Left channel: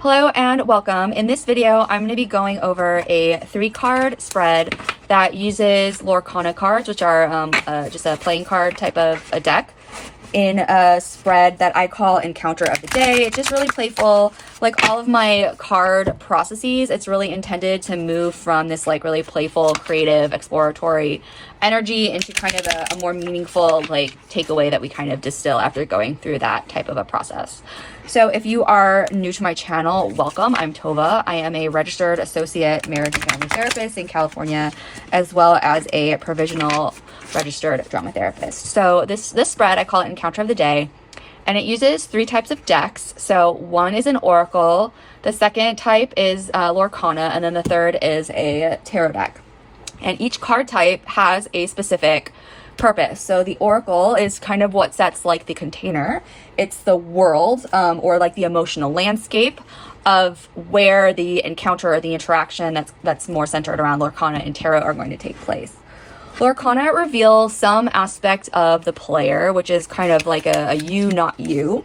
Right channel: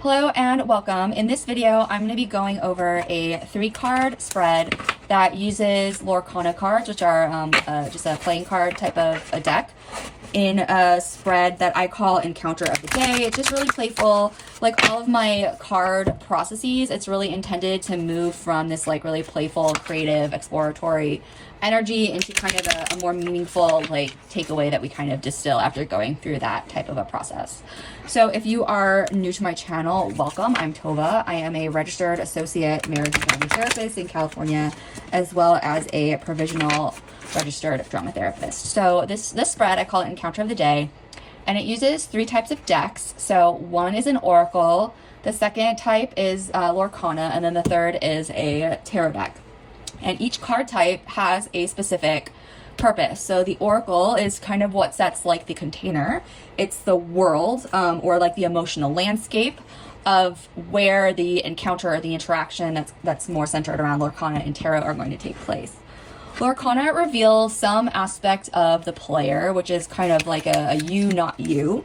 Hello and welcome. In this video, I'm going to be going over a 3-card spread that uses Lorcana cards, which are just a playing card type of a deck, in a spread that I call Encounter of the Day. It's just really playful. Like all of my card processes, it's really intended to move from this like really playful, creative, exploratory energy into kind of a more meaningful like takeaway that we kind of distill after going through that type of a process. So if you are new to my channel, welcome. I'm Tova. I am a registered associate marriage and family therapist in California, as well as a provisional registered drama therapist. So this spread, I call it Encounter of the Day, and it uses 3 types of decks. So one is an oracle, the second type is Lorcana, and then the third is a tarot deck. And each card type has a specific purpose. So the oracle is kind of what sets like the container. It's the world or like the emotional landscape of where the encounter or the interaction that's more centered around Lorcana and tarot are going to take place. Lorcana reveals some aspect of the player, which is kind of like a you, not you.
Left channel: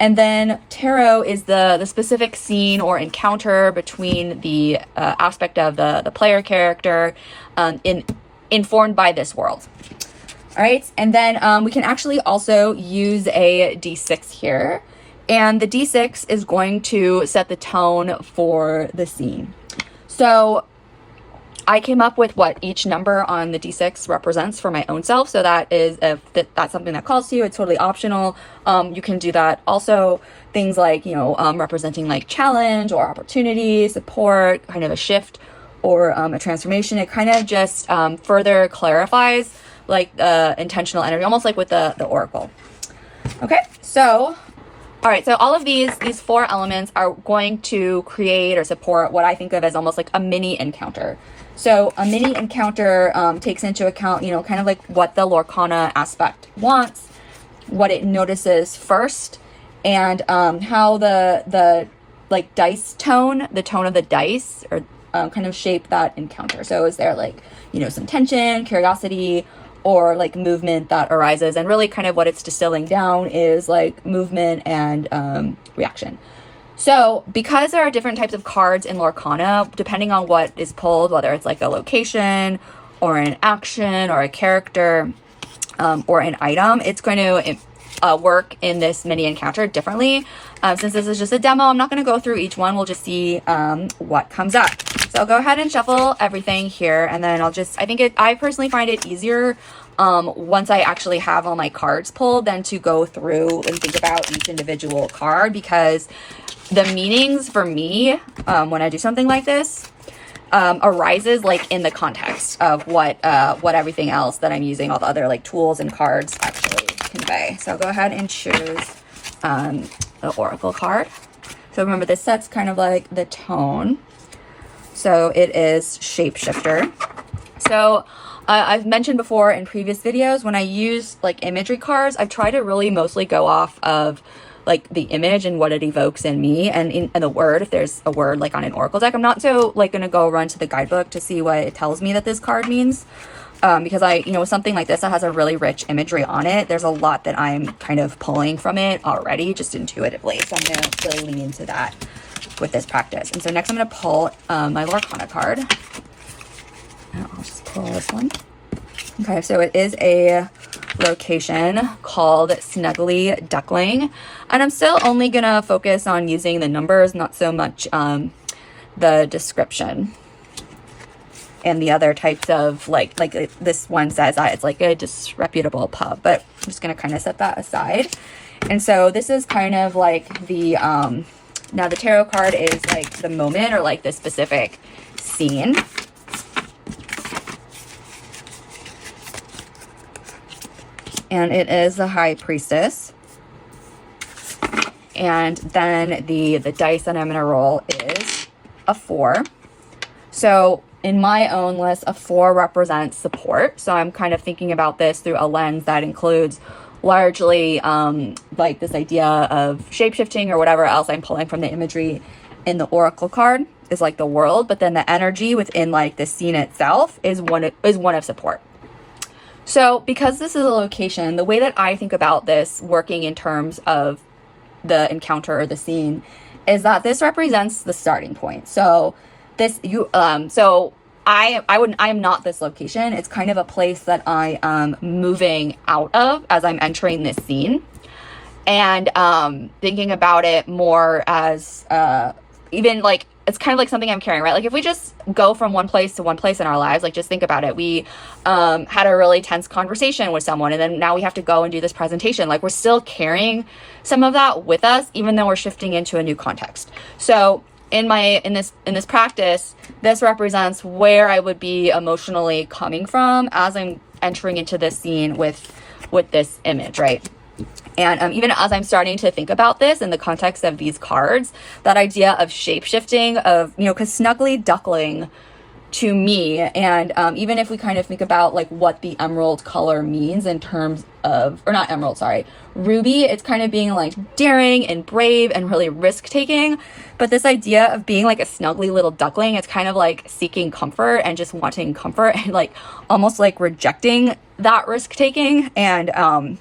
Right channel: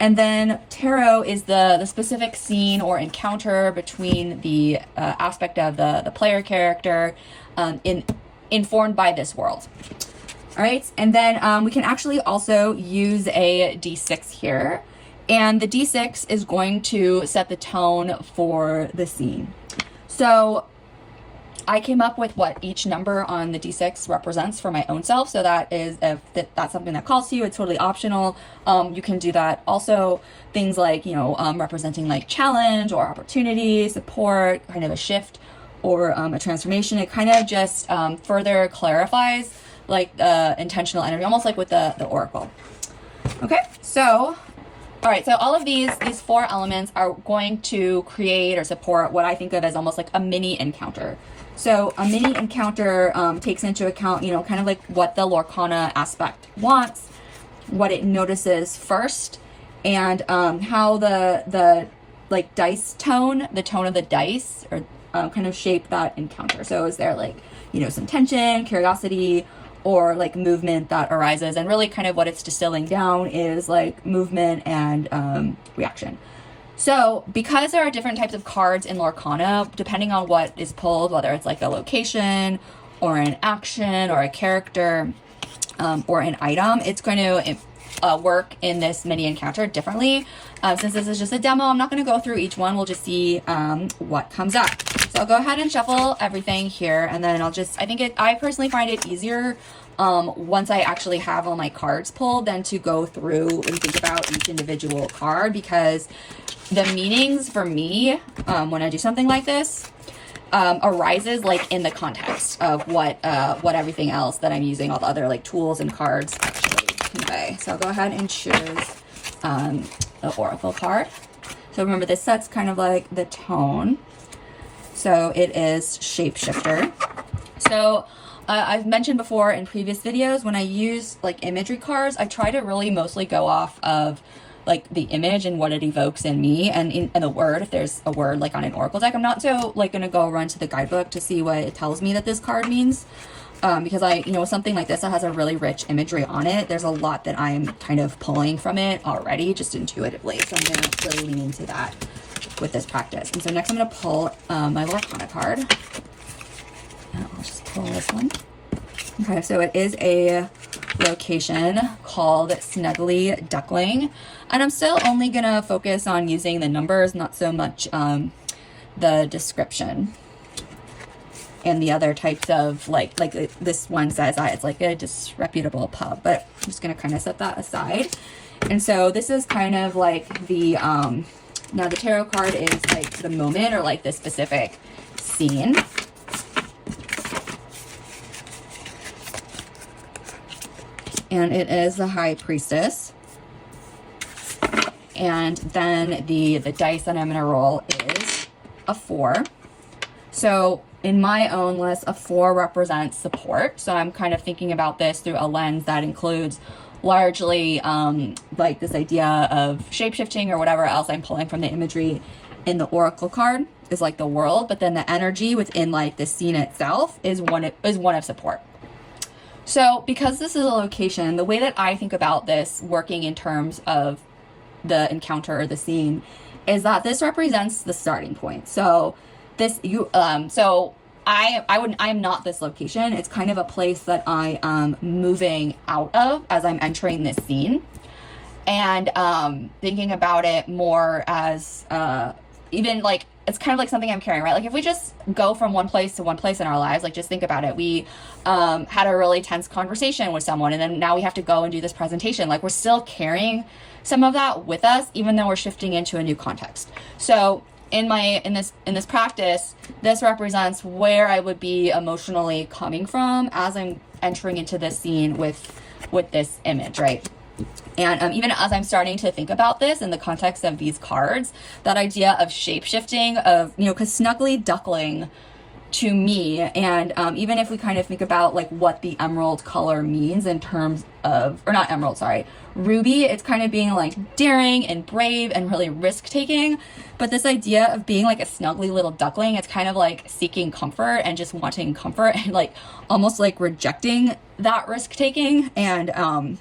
And then tarot is the specific scene or encounter between the aspect of the player character informed by this world. All right, and then we can actually also use a D6 here. And the D6 is going to set the tone for the scene. So I came up with what each number on the D6 represents for my own self. So that is, if that's something that calls to you, it's totally optional. You can do that. Also, things like, representing like challenge or opportunity, support, kind of a shift or a transformation. It kind of just further clarifies like the intentional energy, almost like with the oracle. Okay, so all right, so all of these 4 elements are going to create or support what I think of as almost like a mini encounter. So a mini encounter takes into account, kind of like what the Lorcana aspect wants, what it notices first, and how the like dice tone, the tone of the dice, or kind of shape that encounter. So is there like, some tension, curiosity, or like movement that arises? And really kind of what it's distilling down is like movement and reaction. So because there are different types of cards in Lorcana, depending on what is pulled, whether it's like a location or an action or a character or an item, it's going to work in this mini encounter differently. Since this is just a demo, I'm not going to go through each one. We'll just see what comes up. So I'll go ahead and shuffle everything here, and then I personally find it easier once I actually have all my cards pulled than to go through and think about each individual card, because the meanings for me when I do something like this arises like in the context of what everything else that I'm using, all the other like tools and cards actually convey. So I'll go ahead and choose the oracle card. So remember, this sets kind of like the tone. So it is shapeshifter. So I've mentioned before in previous videos, when I use like imagery cards, I try to really mostly go off of like the image and what it evokes in me, and in the word, if there's a word like on an oracle deck. I'm not so like going to go run to the guidebook to see what it tells me that this card means. Because something like this that has a really rich imagery on it, there's a lot that I'm kind of pulling from it already, just intuitively. So I'm going to really lean into that with this practice. And so next I'm going to pull my Lorcana card. And I'll just pull this one. Okay, so it is a location called Snuggly Duckling. And I'm still only going to focus on using the numbers, not so much the description. And the other types of like this one says that it's like a disreputable pub, but I'm just going to kind of set that aside. And so this is kind of like the, now the tarot card is like the moment or like the specific scene. And it is the High Priestess. And then the dice that I'm going to roll is a 4. So in my own list, a 4 represents support. So I'm kind of thinking about this through a lens that includes largely like this idea of shapeshifting or whatever else I'm pulling from the imagery in the oracle card is like the world, but then the energy within like the scene itself is one of support. So because this is a location, the way that I think about this working in terms of the encounter or the scene is that this represents the starting point. So this, I am not this location. It's kind of a place that I am moving out of as I'm entering this scene. And thinking about it more as even like, it's kind of like something I'm carrying, right? Like if we just go from one place to one place in our lives, like just think about it. We had a really tense conversation with someone, and then now we have to go and do this presentation. Like we're still carrying some of that with us, even though we're shifting into a new context. So in this practice, this represents where I would be emotionally coming from as I'm entering into this scene with this image, right? And even as I'm starting to think about this in the context of these cards, that idea of shape-shifting, of, you know, because snuggly duckling to me, and even if we kind of think about like what the emerald color means in terms of, or not emerald, sorry, ruby, it's kind of being like daring and brave and really risk-taking. But this idea of being like a snuggly little duckling, it's kind of like seeking comfort and just wanting comfort and like almost like rejecting that risk-taking. And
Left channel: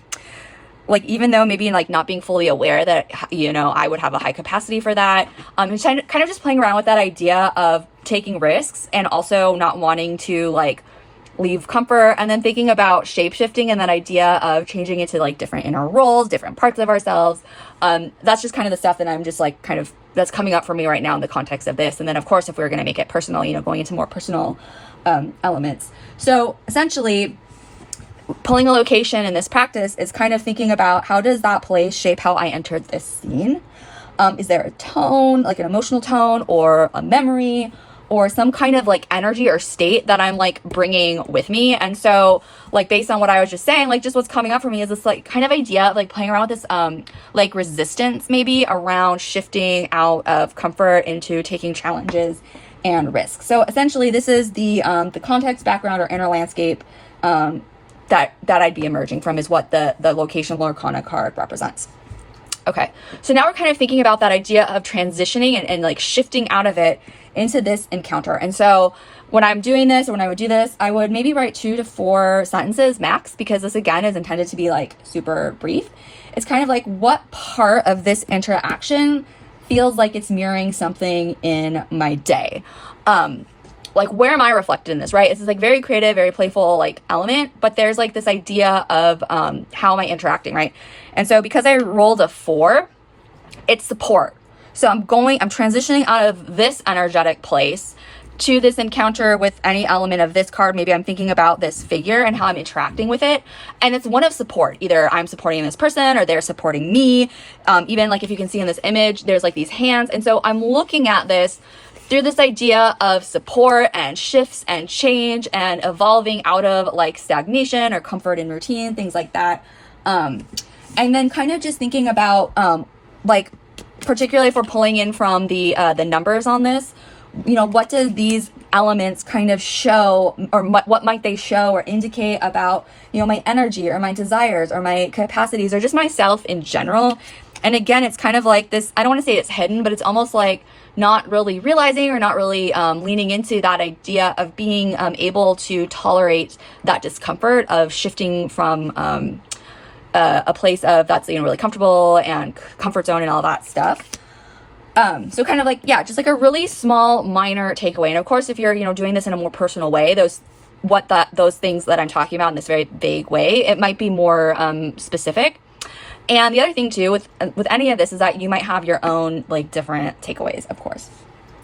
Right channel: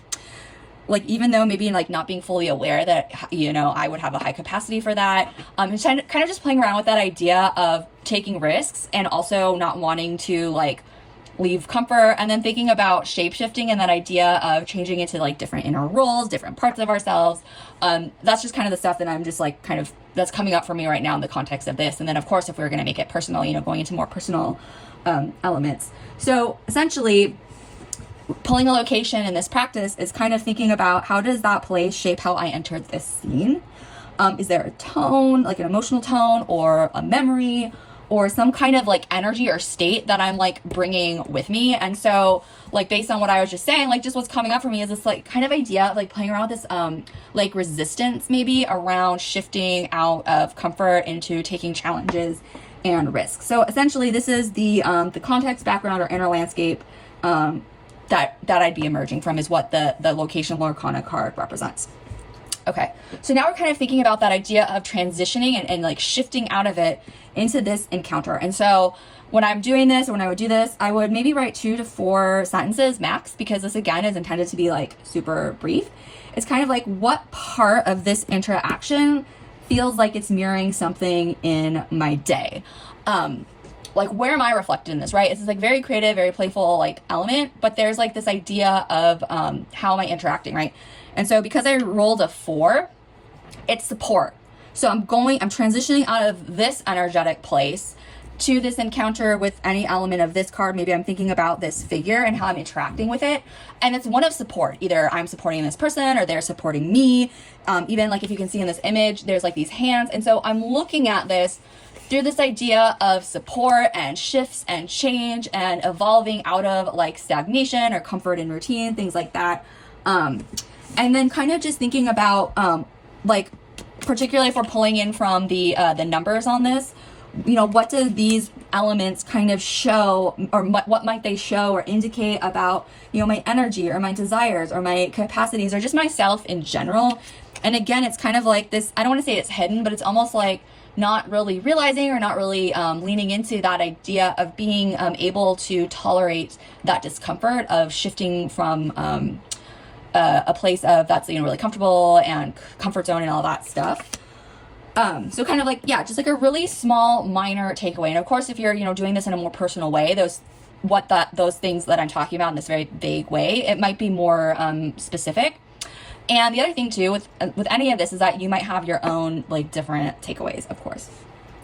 like, even though maybe like not being fully aware that, you know, I would have a high capacity for that, it's kind of just playing around with that idea of taking risks and also not wanting to like leave comfort, and then thinking about shape-shifting and that idea of changing into like different inner roles, different parts of ourselves. That's just kind of the stuff that I'm just like kind of, that's coming up for me right now in the context of this. And then of course, if we're going to make it personal, you know, going into more personal elements. So essentially, pulling a location in this practice is kind of thinking about how does that place shape how I entered this scene? Is there a tone, like an emotional tone or a memory or some kind of like energy or state that I'm like bringing with me? And so like based on what I was just saying, like just what's coming up for me is this like kind of idea of like playing around with this like resistance maybe around shifting out of comfort into taking challenges and risks. So essentially this is the context, background, or inner landscape that I'd be emerging from, is what the location Lorcana card represents. Okay, so now we're kind of thinking about that idea of transitioning and like shifting out of it into this encounter. And so when I'm doing this, or when I would do this, I would maybe write 2 to 4 sentences max, because this again is intended to be like super brief. It's kind of like what part of this interaction feels like it's mirroring something in my day. Like where am I reflected in this, right? It's this like very creative, very playful like element, but there's like this idea of how am I interacting, right? And so because I rolled a 4, it's support. So I'm transitioning out of this energetic place to this encounter with any element of this card. Maybe I'm thinking about this figure and how I'm interacting with it. And it's one of support. Either I'm supporting this person or they're supporting me. Even like if you can see in this image, there's like these hands. And so I'm looking at this through this idea of support and shifts and change and evolving out of like stagnation or comfort and routine, things like that. And then kind of just thinking about like, particularly if we're pulling in from the numbers on this, you know, what do these elements kind of show, or what might they show or indicate about, you know, my energy or my desires or my capacities or just myself in general. And again, it's kind of like this, I don't want to say it's hidden, but it's almost like not really realizing or not really leaning into that idea of being able to tolerate that discomfort of shifting from a place of that's, you know, really comfortable and comfort zone and all that stuff. So kind of like, yeah, just like a really small minor takeaway. And of course, if you're, you know, doing this in a more personal way, those things that I'm talking about in this very vague way, it might be more specific. And the other thing too with any of this is that you might have your own like different takeaways, of course.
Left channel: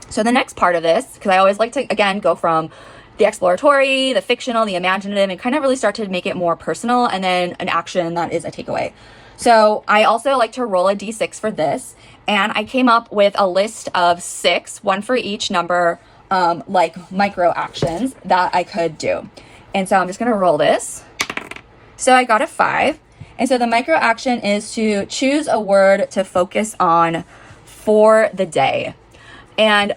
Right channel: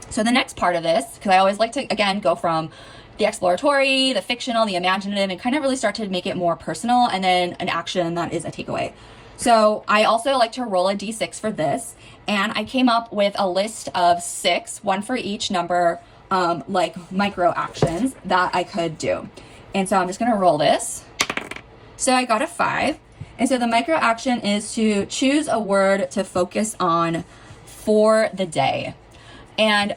So the next part of this, because I always like to, again, go from the exploratory, the fictional, the imaginative, and kind of really start to make it more personal, and then an action that is a takeaway. So I also like to roll a d6 for this, and I came up with a list of 6, one for each number, like micro actions that I could do. And so I'm just gonna roll this. So I got a 5. And so the micro action is to choose a word to focus on for the day. And,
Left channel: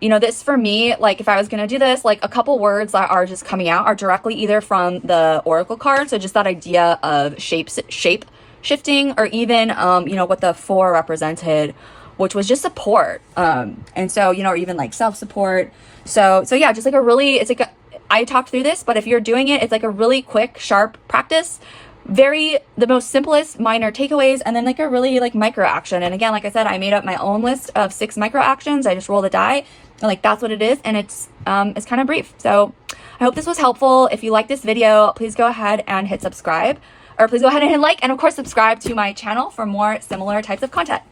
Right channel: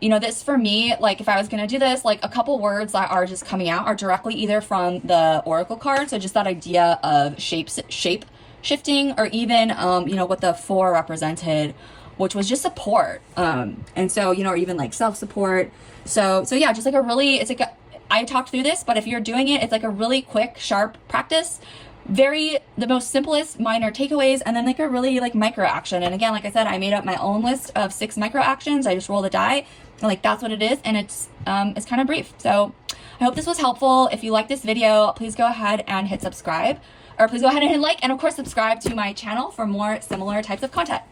you know, this for me, like if I was going to do this, like a couple words that are just coming out are directly either from the Oracle card. So just that idea of shape shifting, or even, you know, what the 4 represented, which was just support. And so, you know, or even like self-support. So yeah, just like a really, it's like, I talked through this, but if you're doing it, it's like a really quick, sharp practice the most simplest minor takeaways, and then like a really like micro action. And again, like I said, I made up my own list of 6 micro actions. I just roll the die and like that's what it is, and it's kind of brief. So I hope this was helpful. If you like this video, please go ahead and hit subscribe, or please go ahead and hit like, and of course subscribe to my channel for more similar types of content.